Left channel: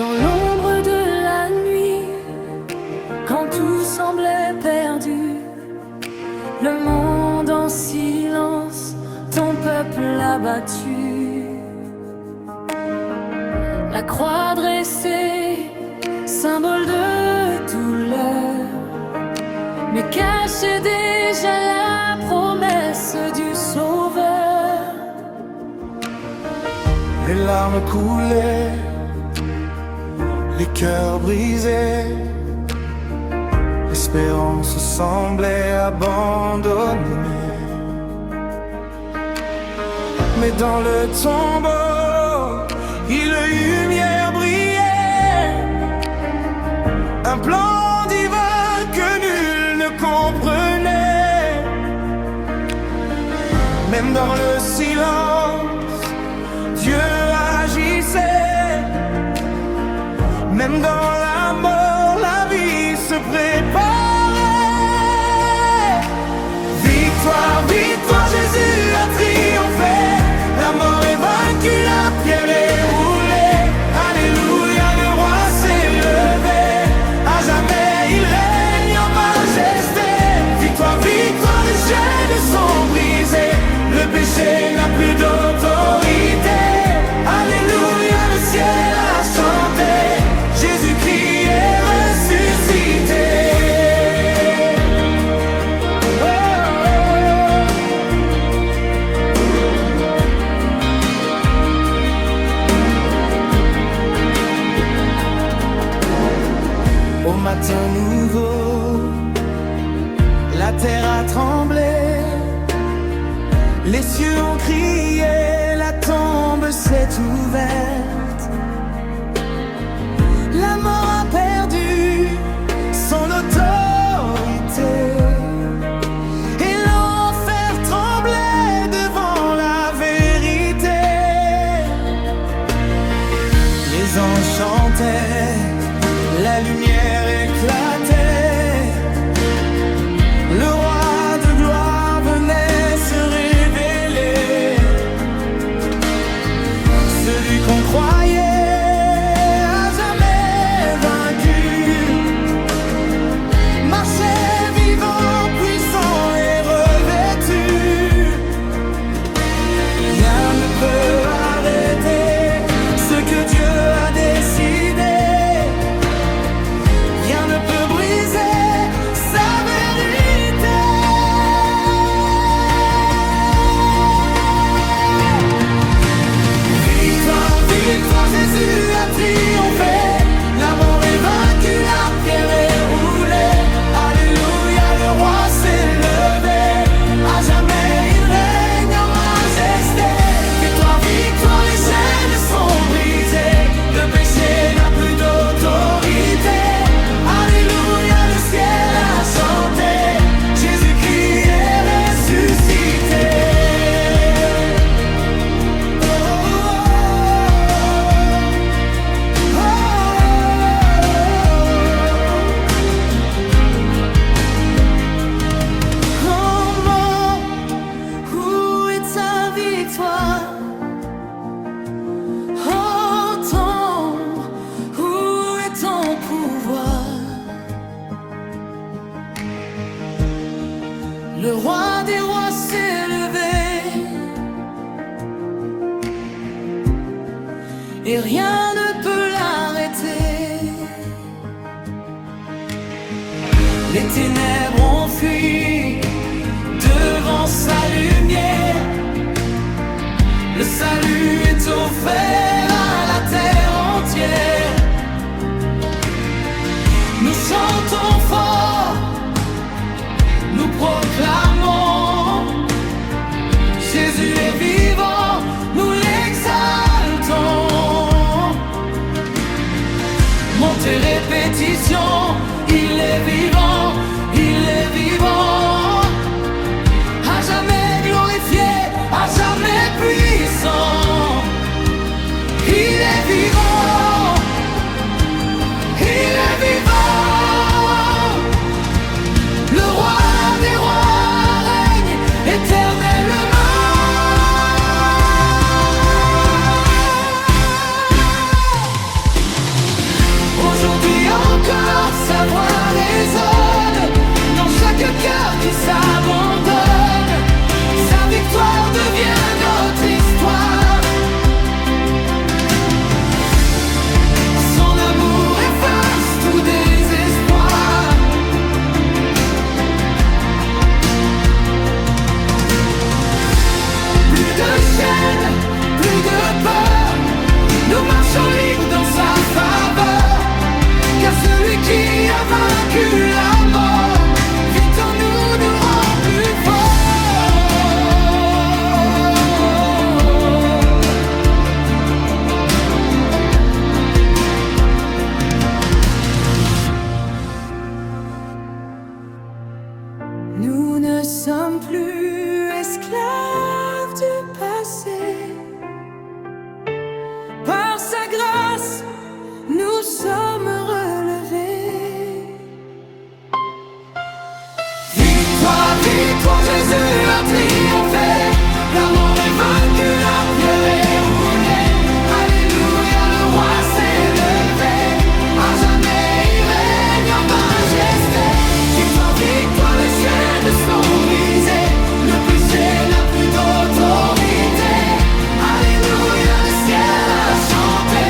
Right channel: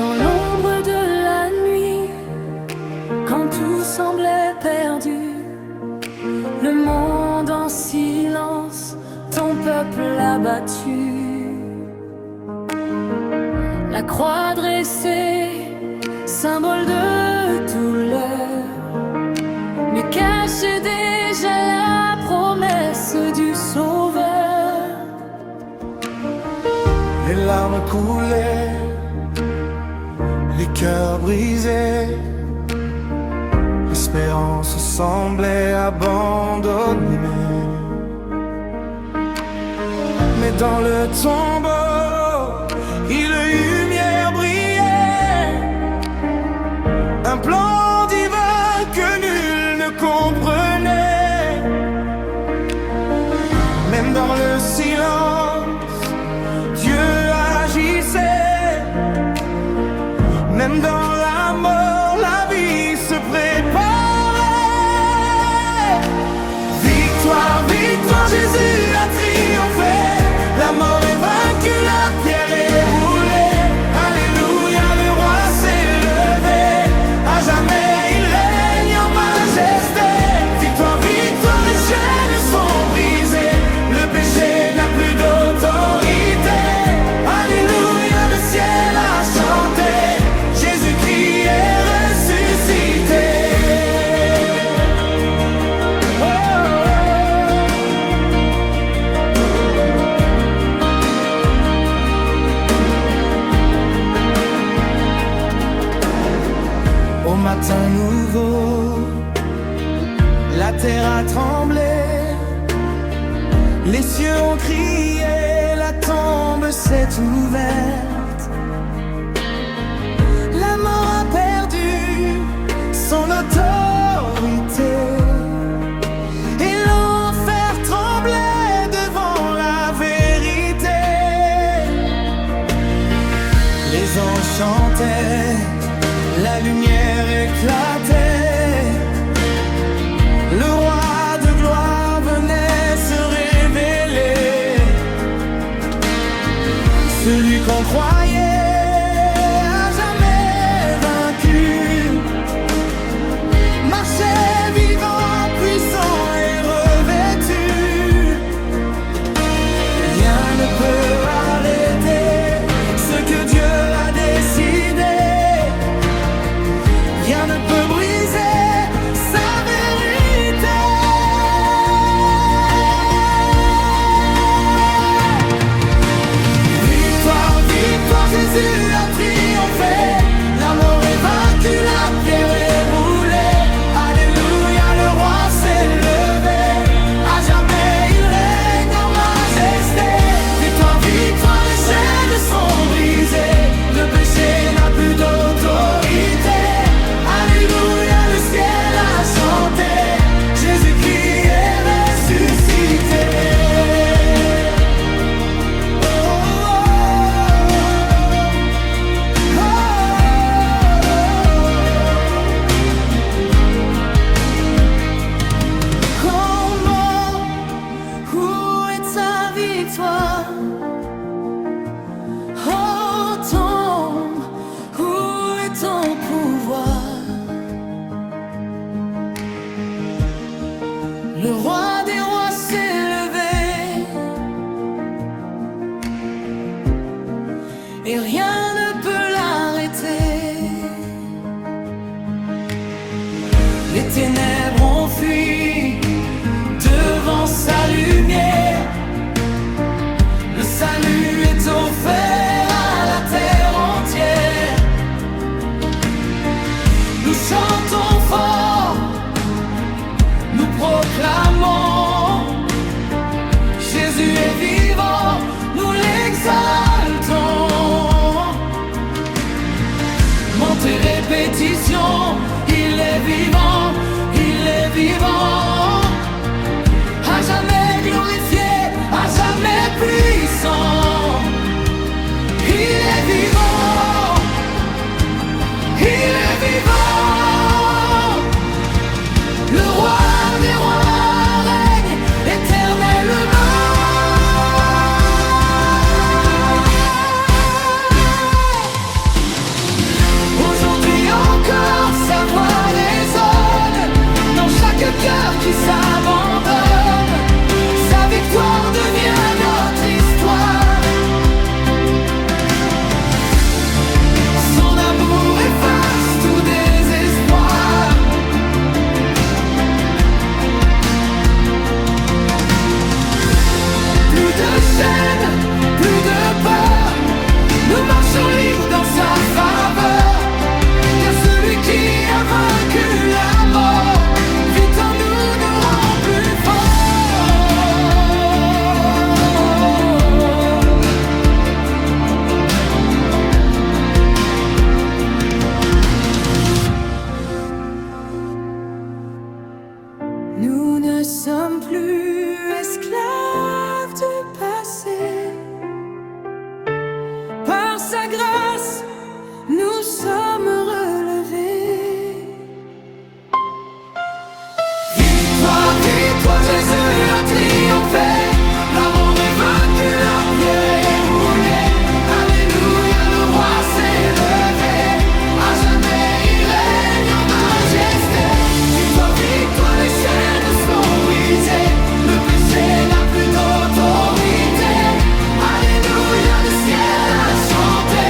Dans l'ombre de la nuit, quand tout semblait perdu, le monde en silence, ton peuple abattu. La croix dressée, symbole de douleur, mais cachait déjà la promesse du Sauveur. Les larmes coulaient, les cœurs brisés, l'espérance semblait abandonnée. Mais dans le tombeau, une lumière brillait, un plan divin que nul ne comprenait. Même dans le silence, Dieu agissait. Même dans la mort, la vie se préparait. Victoire, victoire, Jésus a triomphé. La mort est vaincue, la pierre est roulée. Alléluia, le roi s'est levé. À jamais il règne en majesté. Victoire, victoire, les chaînes sont brisées. Le péché n'a plus d'autorité. Alléluia, le ciel a chanté. Jésus-Christ est ressuscité. Oh, oh. Au matin nouveau, la terre a tremblé. Les cieux ont crié, la tombe s'est ouverte. La mort a perdu son autorité et l'enfer tremblait devant la vérité. Les anges chantaient, la lumière éclatait. Le roi de gloire venait se révéler. Celui qu'on croyait marchait vivant, puissant et revêtu. Rien ne peut arrêter ce que Dieu a décidé. Rien ne peut briser sa vérité. Victoire, victoire, Jésus a triomphé. La mort est vaincue, la pierre est roulée. Alléluia, le roi s'est levé. À jamais il règne en majesté. Victoire, victoire, les chaînes sont brisées. Le péché n'a plus d'autorité. Alléluia, le ciel a chanté. Jésus-Christ est ressuscité. Oh, oh, oh, oh. Comment, où est ta victoire? Oh tombe, où est ton pouvoir? Le roi des rois s'est levé et rien ne peut l'arrêter. Les ténèbres ont fui devant sa lumière. Le salut est offert à la terre entière. Nous chantons fort, nous proclamons, Jésus est vivant, nous l'exaltons. Montez répétition, il est vivant, il est vivant. À jamais glorifié, à jamais puissant. Il est vivant, il est vivant. Le roi des rois règne éternellement. de cœur qui s'abandonne. Sa victoire devient notre histoire. Son amour efface tout désespoir. Plus de chaînes, plus de peur, nous marchons libres dans sa faveur. Car celui qui a vaincu la mort vit en nous, nous rend plus forts. Nous ne sommes plus esclaves du passé. Par sa grâce, nous sommes relevés. Victoire, victoire, Jésus a triomphé. La mort est vaincue, la pierre est roulée. Alléluia, le roi s'est levé. À jamais il règne en majesté. Victoire, victoire, les chaînes sont brisées. Le péché n'a plus d'autorité. Alléluia, le ciel a chanté.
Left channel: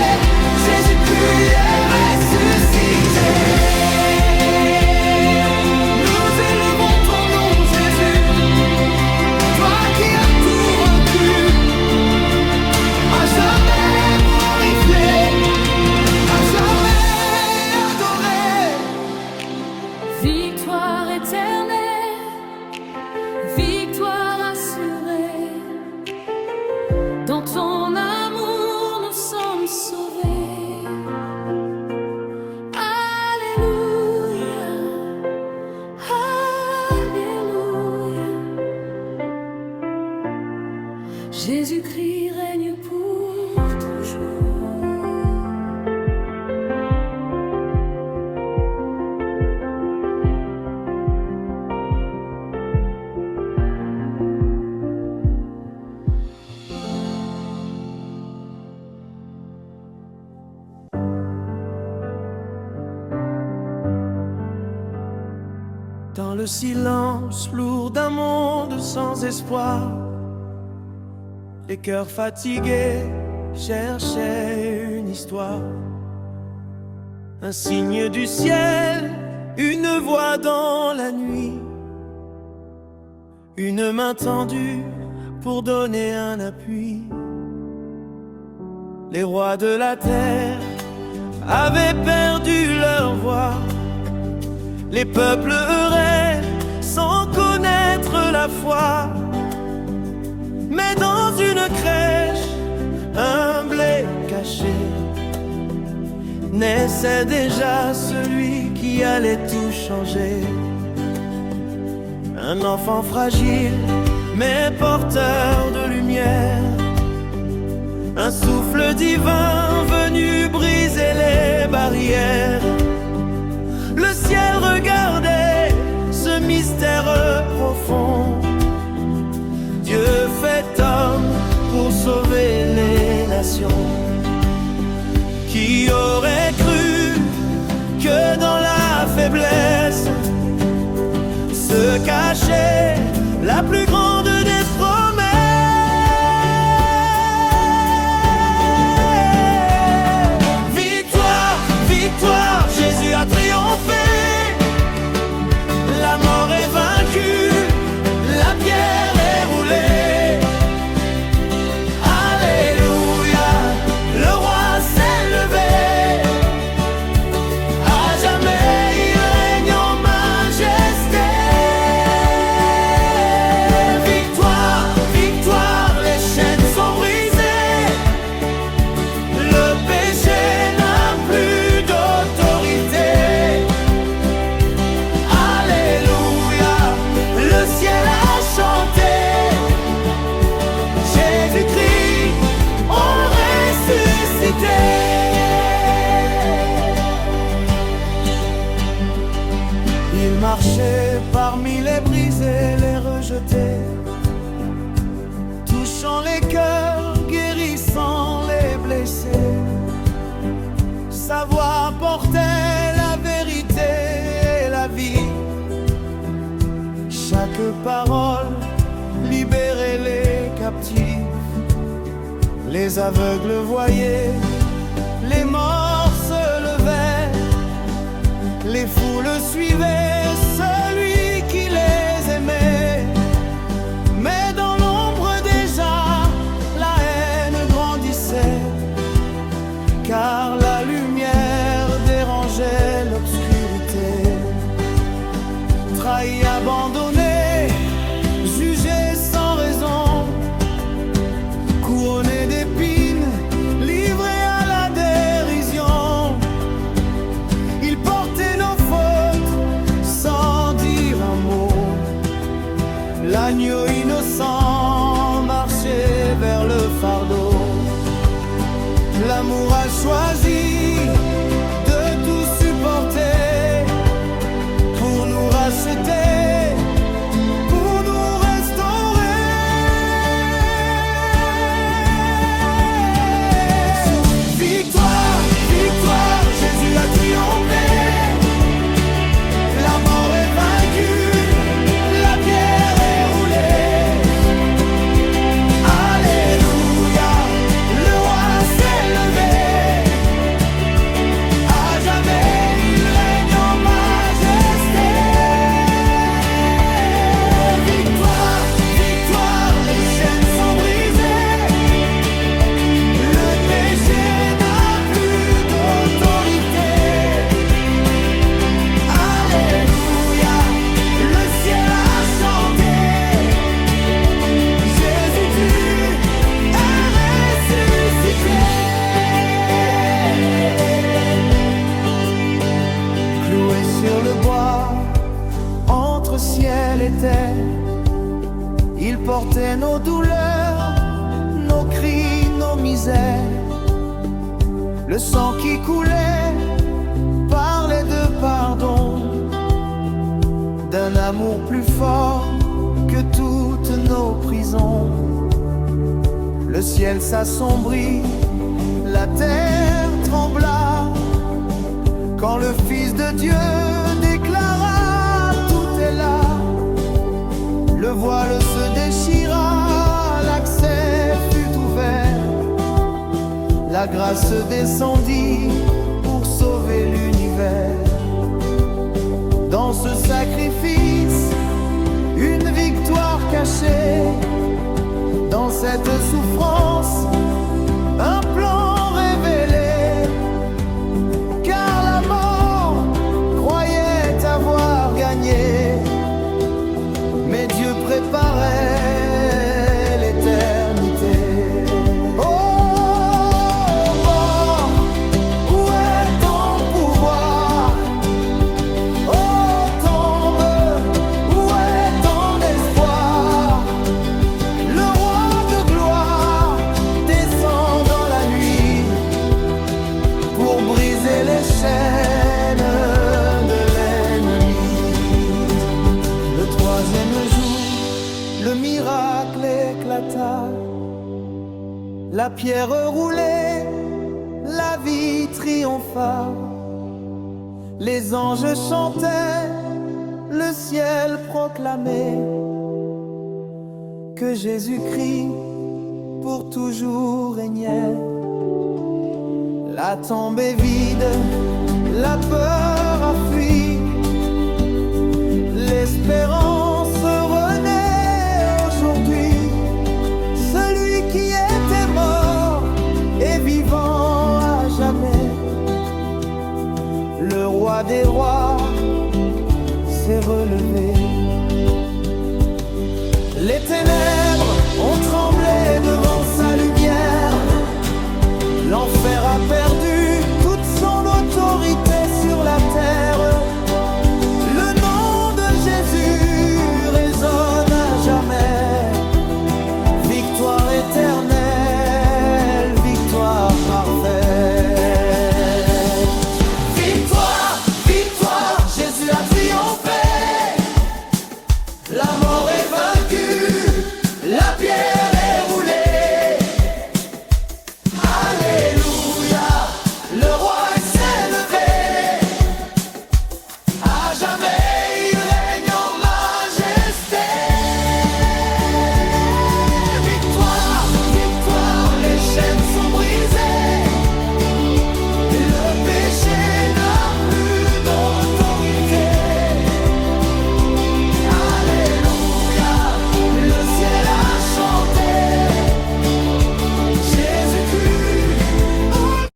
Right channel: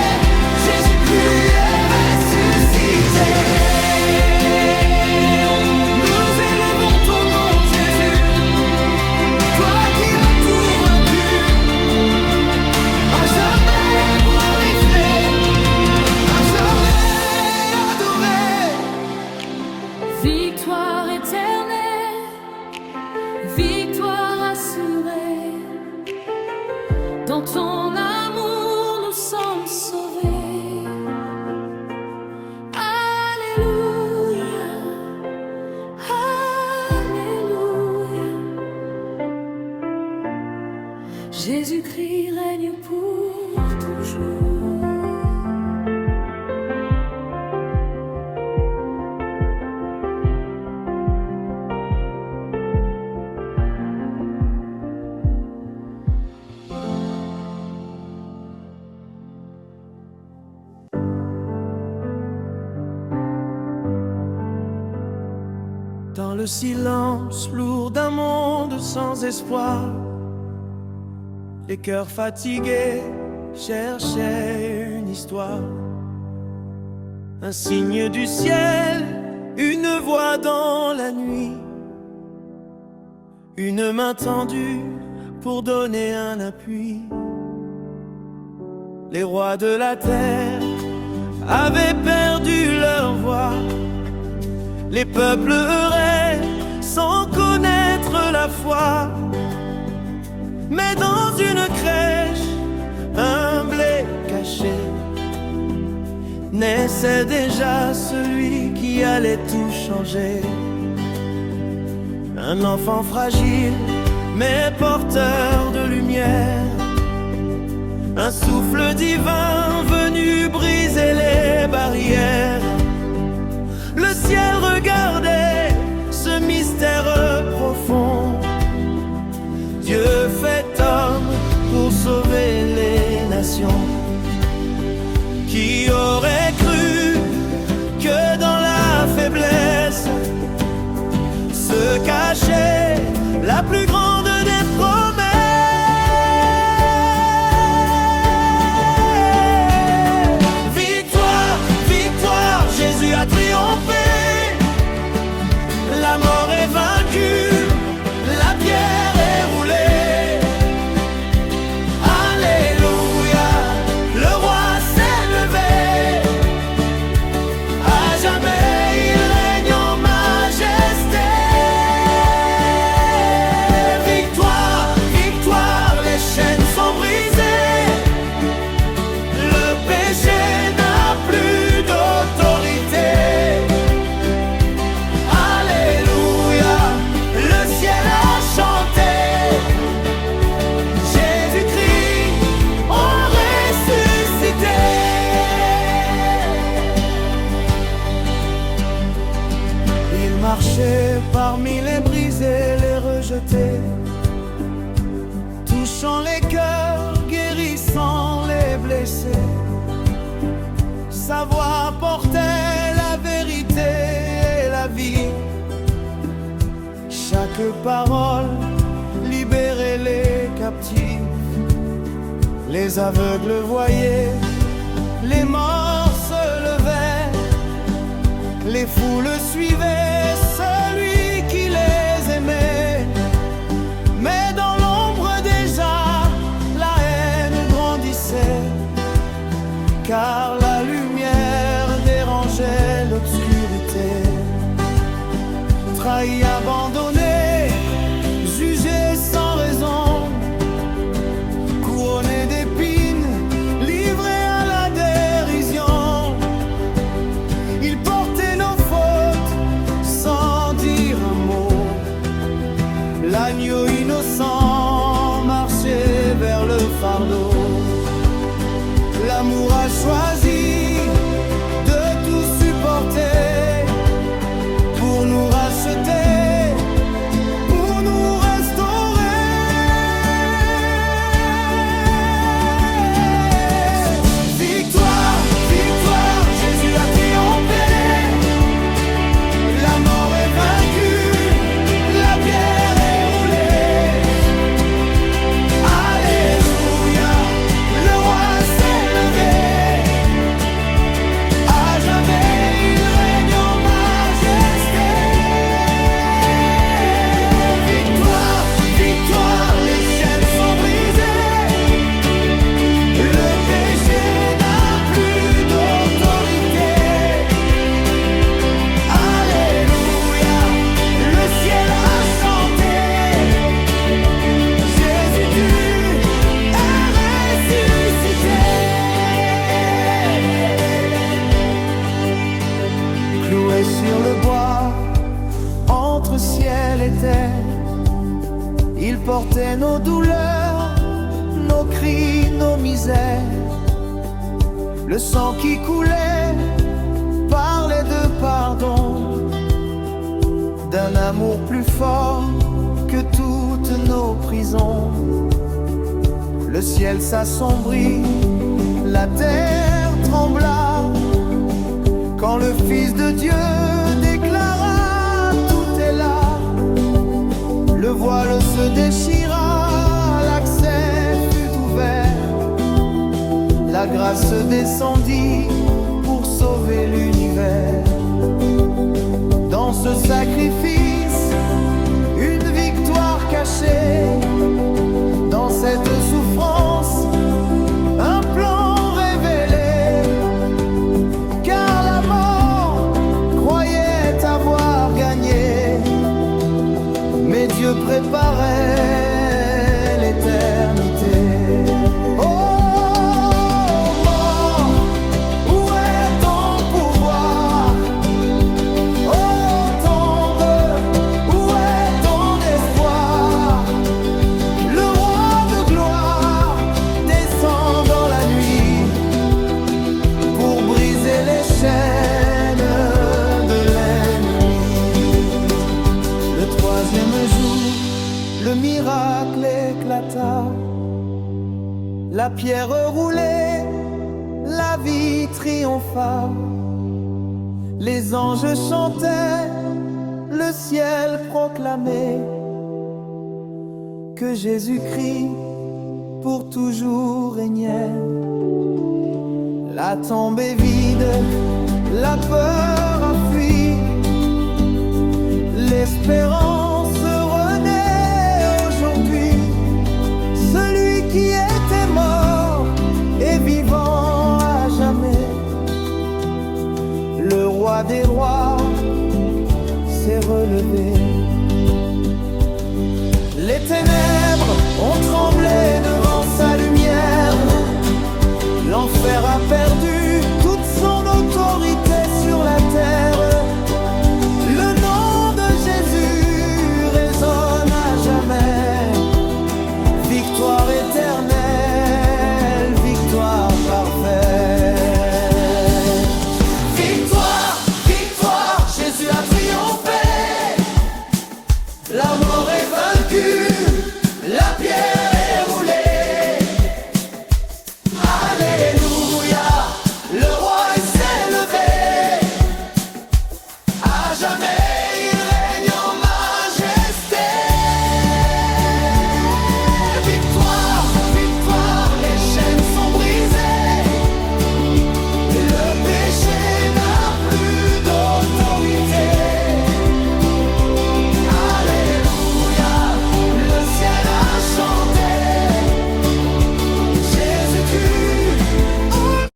Jésus puis est ressuscité. Nous élevons ton nom, Jésus. Toi qui as tout vaincu. À jamais glorifié. À jamais adoré. Victoire éternelle. Victoire assurée. Dans ton amour nous sommes sauvés. Alléluia, Alléluia. Jésus-Christ règne pour toujours. Dans le silence lourd d'un monde sans espoir, les cœurs fatigués cherchaient une histoire. Un signe du ciel, une voix dans la nuit, une main tendue pour donner un appui. Les rois de la terre avaient perdu leur voix. Les peuples erraient sans connaître la foi. Mais dans une crèche, humble et caché, naissait déjà celui qui allait tout changer. Un enfant fragile, mais porteur de lumière. Un souffle divin venu briser les barrières. Le ciel regardait ce mystère profond. Dieu fait homme pour sauver les nations. Qui aurait cru que dans la faiblesse se cachait la plus grande des promesses. Victoire, victoire, Jésus a triomphé. La mort est vaincue, la pierre est roulée. Alléluia, le roi s'est levé. À jamais il règne en majesté. Victoire, victoire, les chaînes sont brisées. Le péché n'a plus d'autorité. Alléluia, le ciel a chanté. Jésus-Christ en ressuscité. Il marchait parmi les brisés, les rejetés, touchant les cœurs, guérissant les blessés. Sa voix portait la vérité et la vie. chaque parole libérait les captifs. Les aveugles voyaient, les morts se levaient, les foules suivaient celui qui les aimait. Mais dans l'ombre déjà, la haine grandissait, car la lumière dérangeait l'obscurité. Trahi, abandonné, jugé sans raison, couronné d'épines, livré à la dérision. Il portait nos fautes sans dire un mot. L'agneau innocent marchait vers le fardeau. L'amour a choisi de tout supporter pour nous racheter, pour nous restaurer. Victoire, victoire, Jésus a triomphé. La mort est vaincue, la pierre est roulée. Alléluia, le roi s'est levé. À jamais il règne en majesté. Victoire, victoire, les chaînes sont brisées. Le péché n'a plus d'autorité. Alléluia, le ciel a chanté. Jésus, tu es ressuscité. Cloué sur le bois, entre ciel et terre, il portait nos douleurs, nos cris, nos misères. Le sang qui coulait parlait de pardon, d'un amour plus fort que toutes nos prisons. Le ciel s'assombrit, la terre trembla, quand le Fils de Dieu déclara: tout est là. Le voile se déchira, l'accès fut ouvert. La grâce descendit pour sauver l'univers. Dans ce sacrifice, une victoire cachée. Dans cette souffrance, un plan révélé. Car la mort croyait avoir gagné, mais Dieu préparait l'éternité. Oh mort, où est ton pouvoir? Oh tombe, où est ton espoir? Le roi de gloire descend dans la nuit pour briser les chaînes de l'ennemi. Le troisième jour, le miracle éclata. La pierre roulée, la vie triompha. Les anges chantaient, le ciel proclamait que Jésus-Christ pour toujours régnait. La tombe est vide, la peur a fui, l'espérance renaît aujourd'hui. Celui qui était mort est vivant à jamais. Le roi des rois s'est relevé. Les ténèbres ont tremblé devant sa lumière. L'enfer a perdu toute son autorité sur la terre. Le nom de Jésus résonne à jamais. Victoire éternelle, victoire parfaite.